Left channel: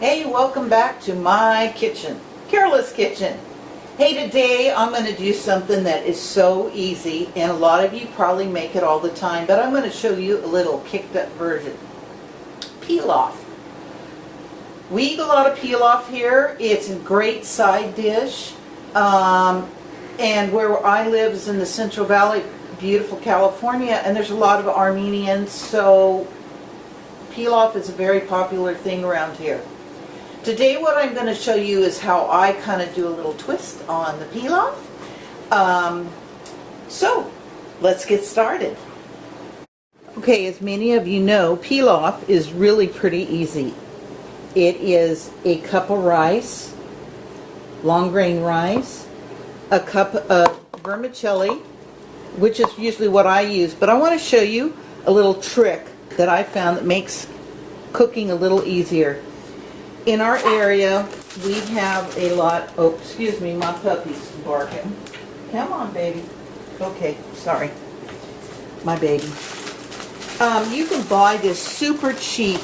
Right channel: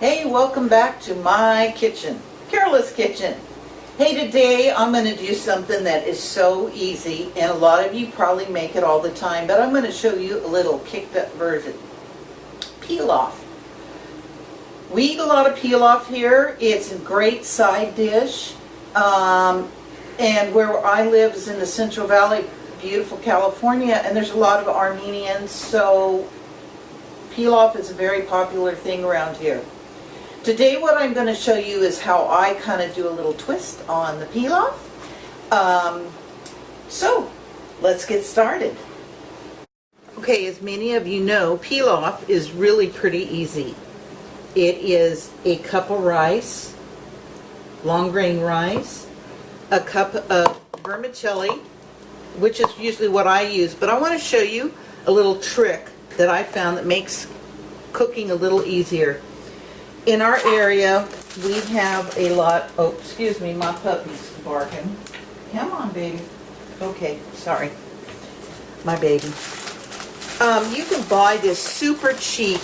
Hey, welcome back to my kitchen, Carol's Kitchen. Hey, today I'm going to do something that is so easy, and a lot of you probably make it all the time, but I'm going to show you a little kicked up version. Pilaf. We eat a lot of pilaf here. It's a great side dish, and where I live is in the Central Valley, beautiful California, and there's a lot of Armenians, so pilaf is a very popular thing around here. Today what I'm going to show you is how I kind of do a little twist on the pilaf. So let's get started. Okay, as many of you know, pilaf is really pretty easy. It is a cup of rice, long grain rice, a cup of vermicelli, which is usually what I use, but I want to show you a little trick that I found that makes cooking a little easier. In our area, we have a lot, oh, excuse me, my puppy's barking. Come on, baby. Okay, sorry. My baby. You can buy this super cheap,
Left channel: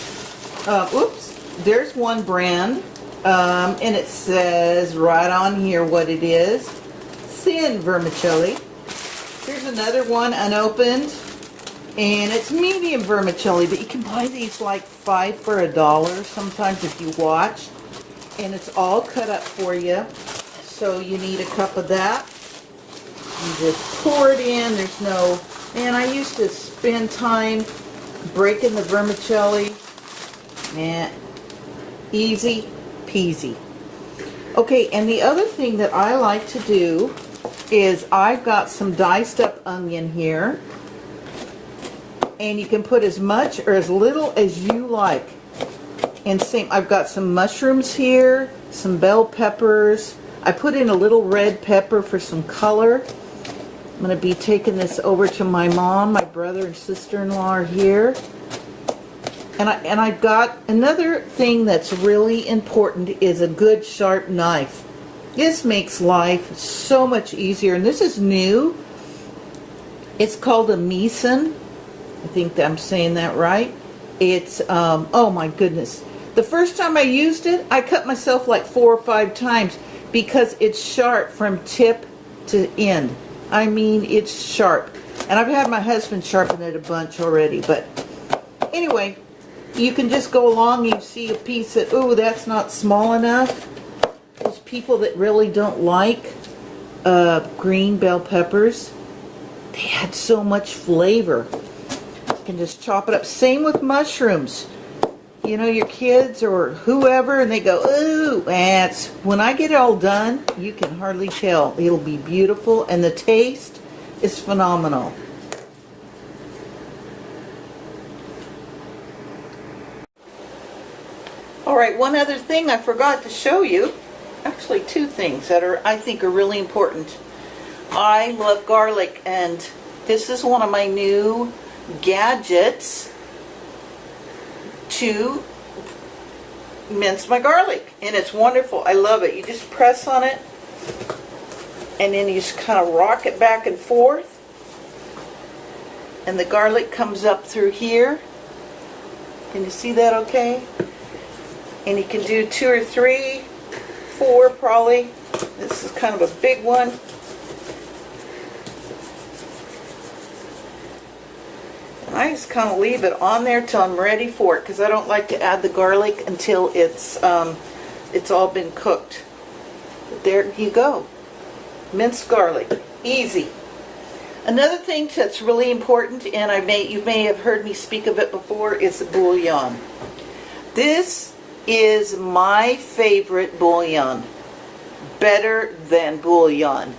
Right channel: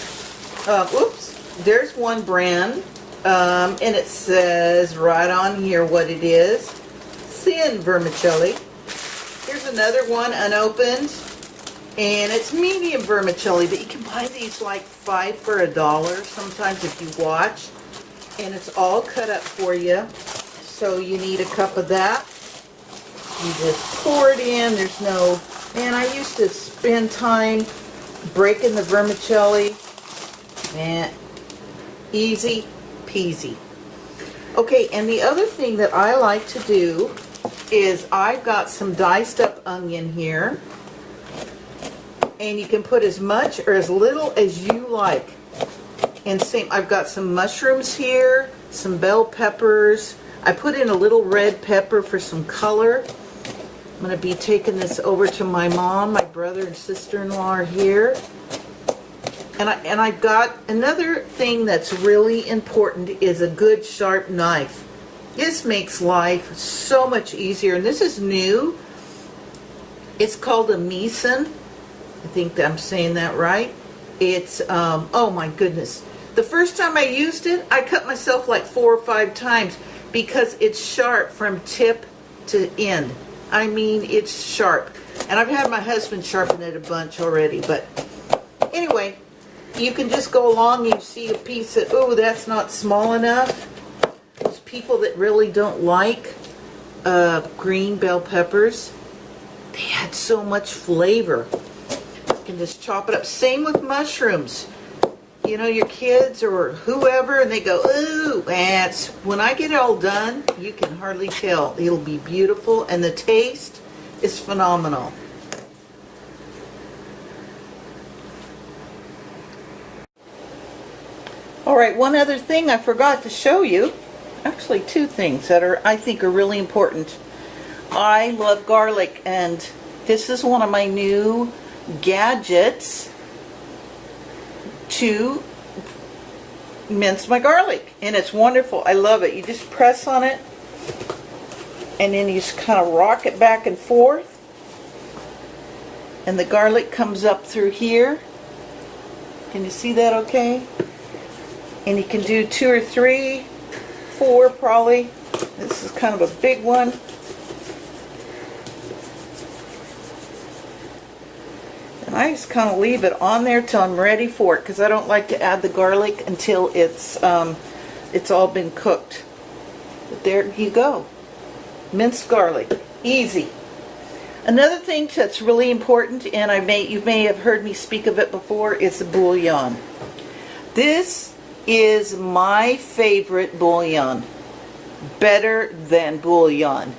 oops, there's one brand, and it says right on here what it is. Thin vermicelli. Here's another one, unopened. And it's medium vermicelli, but you can buy these like 5 for $1 sometimes if you watch. And it's all cut up for you. So you need a cup of that. You just pour it in. There's no... And I used to spend time breaking the vermicelli. And easy peasy. Okay, and the other thing that I like to do is I've got some diced up onion here. And you can put as much or as little as you like. And same, I've got some mushrooms here, some bell peppers. I put in a little red pepper for some color. I'm going to be taking this over to my mom. My brother and sister-in-law are here. And I've got another thing that's really important is a good sharp knife. This makes life so much easier. And this is new. It's called a Meeson. I think I'm saying that right. It's, oh my goodness. The first time I used it, I cut myself like 4 or 5 times because it's sharp from tip to end. I mean, it's sharp. And I've had my husband sharpen it a bunch already. But anyway, you can just go along and you see a piece that, oh, that's not small enough. Those people that really don't like green bell peppers, they add so much flavor. Can just chop it up. Same with mushrooms. You know, your kids or whoever, and they go, ooh, and when I get it all done, you can hardly tell. It'll be beautiful, and the taste is phenomenal. All right, one other thing I forgot to show you. Actually, 2 things that I think are really important. I love garlic, and this is one of my new gadgets to mince my garlic, and it's wonderful. I love it. You just press on it and then you just kind of rock it back and forth, and the garlic comes up through here. Can you see that okay? And you can do 2 or 3, 4 probably. This is kind of a big one. I just kind of leave it on there till I'm ready for it because I don't like to add the garlic until it's all been cooked. But there you go. Minced garlic. Easy. Another thing that's really important, and you may have heard me speak of it before, is the bouillon. This is my favorite bouillon. Better Than Bouillon.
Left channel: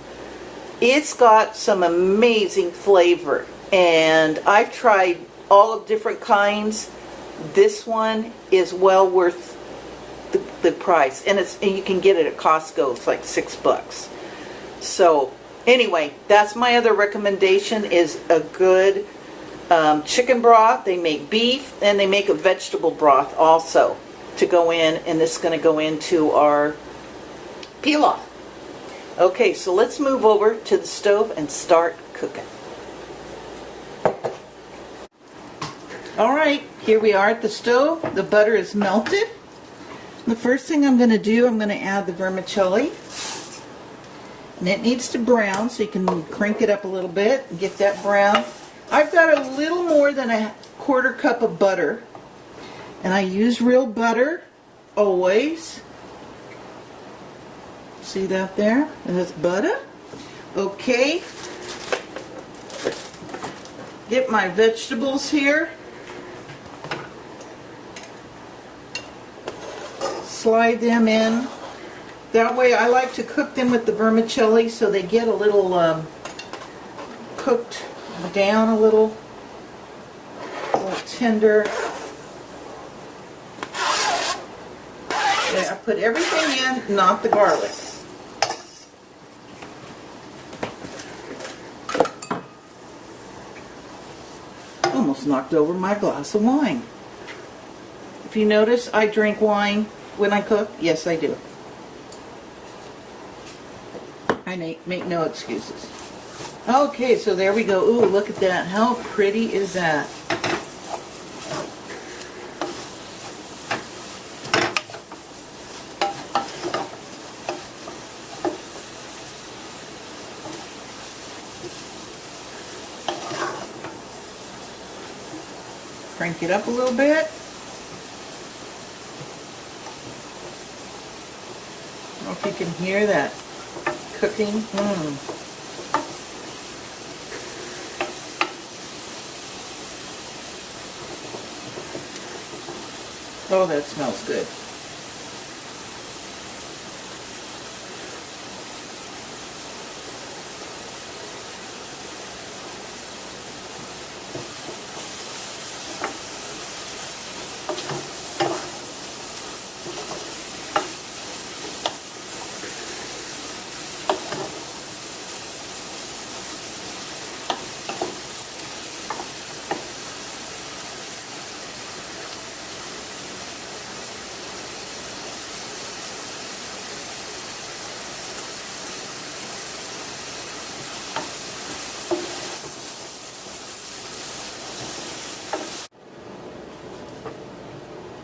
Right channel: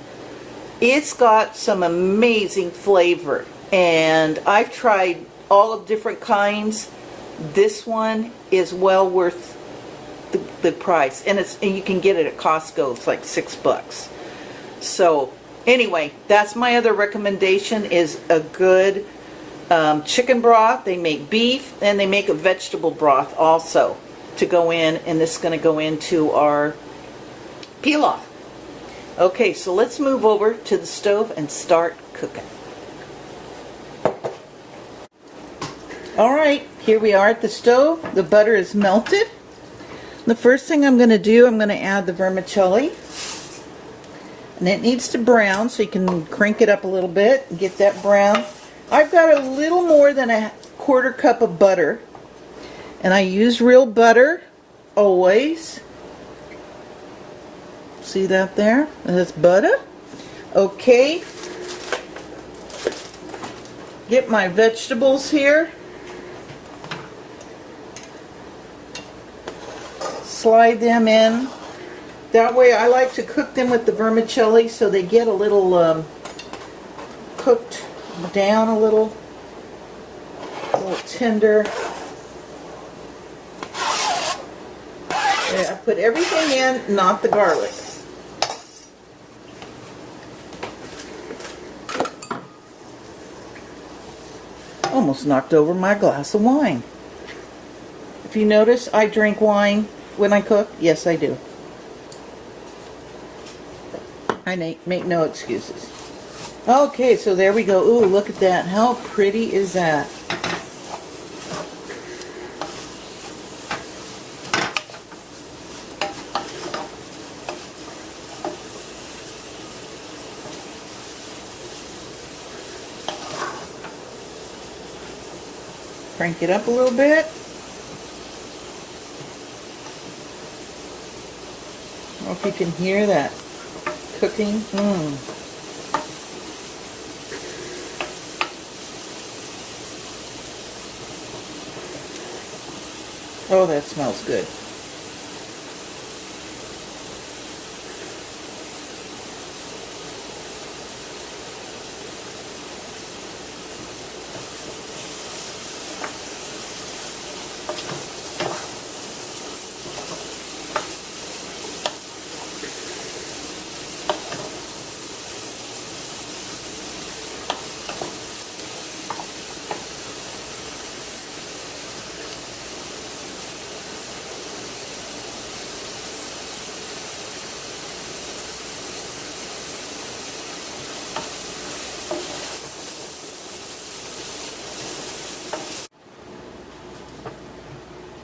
It's got some amazing flavor. And I've tried all of different kinds. This one is well worth the price, and you can get it at Costco. It's like $6. So anyway, that's my other recommendation is a good chicken broth. They make beef, and they make a vegetable broth also to go in, and this is going to go into our pilaf. Okay, so let's move over to the stove and start cooking. Alright, here we are at the stove. The butter is melted. The first thing I'm going to do, I'm going to add the vermicelli. And it needs to brown, so you can crank it up a little bit and get that brown. I've got a little more than a quarter cup of butter. And I use real butter always. See that there? That's butter. Okay. Get my vegetables here. Slide them in. That way I like to cook them with the vermicelli so they get a little cooked down a little tender. There, I put everything in, not the garlic. Almost knocked over my glass of wine. Do you notice I drink wine when I cook? Yes, I do. I make no excuses. Okay, so there we go. Ooh, look at that. How pretty is that? Crank it up a little bit. I don't know if you can hear that cooking. Oh, that smells good.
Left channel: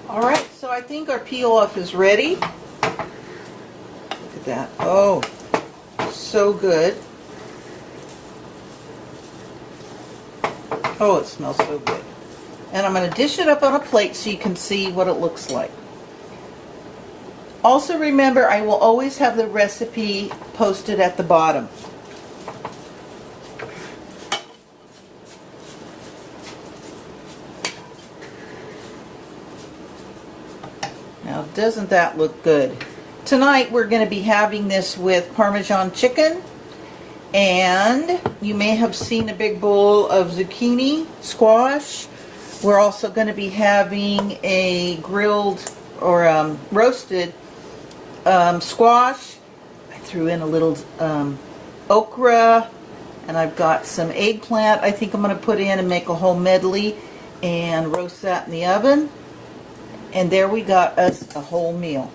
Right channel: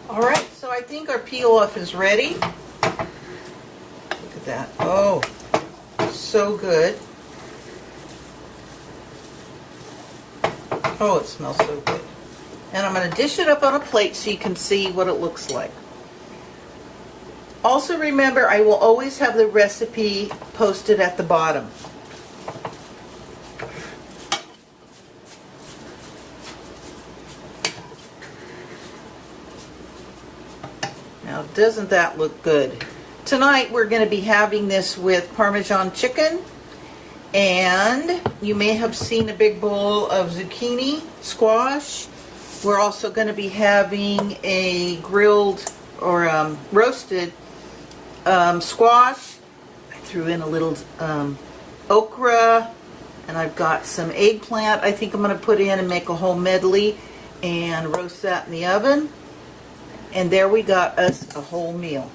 Alright, so I think our pilaf is ready. Look at that. Oh, so good. Oh, it smells so good. And I'm going to dish it up on a plate so you can see what it looks like. Also remember, I will always have the recipe posted at the bottom. Now, doesn't that look good? Tonight we're going to be having this with Parmesan chicken, and you may have seen a big bowl of zucchini squash. We're also going to be having a grilled or roasted squash. I threw in a little okra, and I've got some eggplant I think I'm going to put in and make a whole medley and roast that in the oven. And there we got us a whole meal.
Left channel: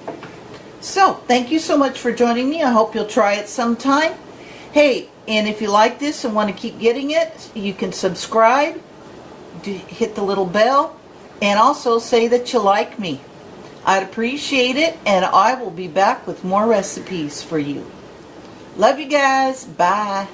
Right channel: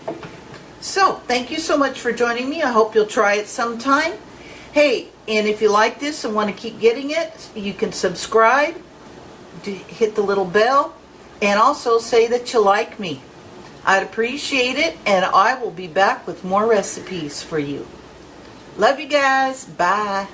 So, thank you so much for joining me. I hope you'll try it sometime. Hey, and if you like this and want to keep getting it, you can subscribe, hit the little bell, and also say that you like me. I'd appreciate it, and I will be back with more recipes for you. Love you guys. Bye.